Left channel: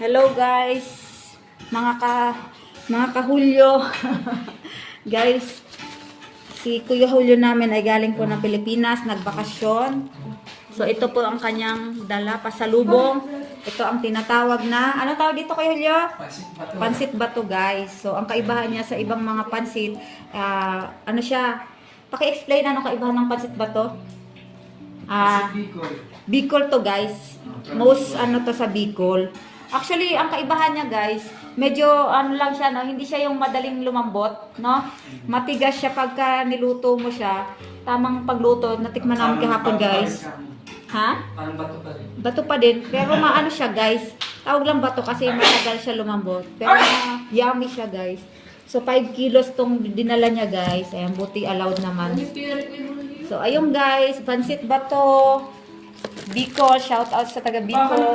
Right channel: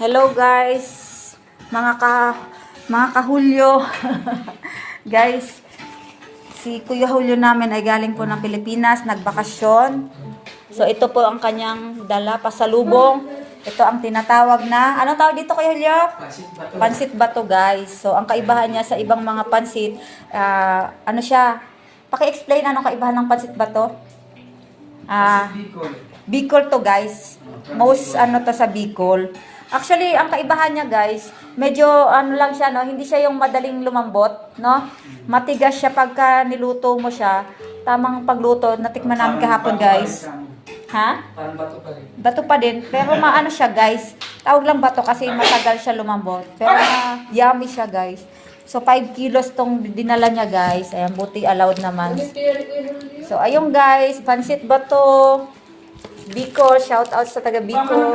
Hello guys, mga kahulyo. Guys, si Kuya Julio namin ay galing po ng Pilipinas, nagbakasyon. So ito po ang kanyang dala pasalubong. Ito ang tinatawag na, ano tawag dito Kuya Julio? Pansit bato guys. So ang kaibahan niya sa ibang mga pansit, ano siya? Paki-explain ano kaibahan ng pansit bato? Bicol to guys. Most ano to sa Bicol. Actually, ang kaibahan niya guys, medyo ano lang siya, no? Hindi siya yung madaling lumambot, no? Matigas siya pagka niluto mo siya. Tamang pagluto, natikman namin kahapon guys. Ha? Parang bato pa rin. Bato pa din, pero maano siya guys. Tawag lang bato kasi matagal siya lumambot. Pero yummy siya guys. So 5 kilos tong dinala niya guys. Ayan, buti allowed naman. So ayun guys, pansit bato. Bicol, shout out sa taga Bicol.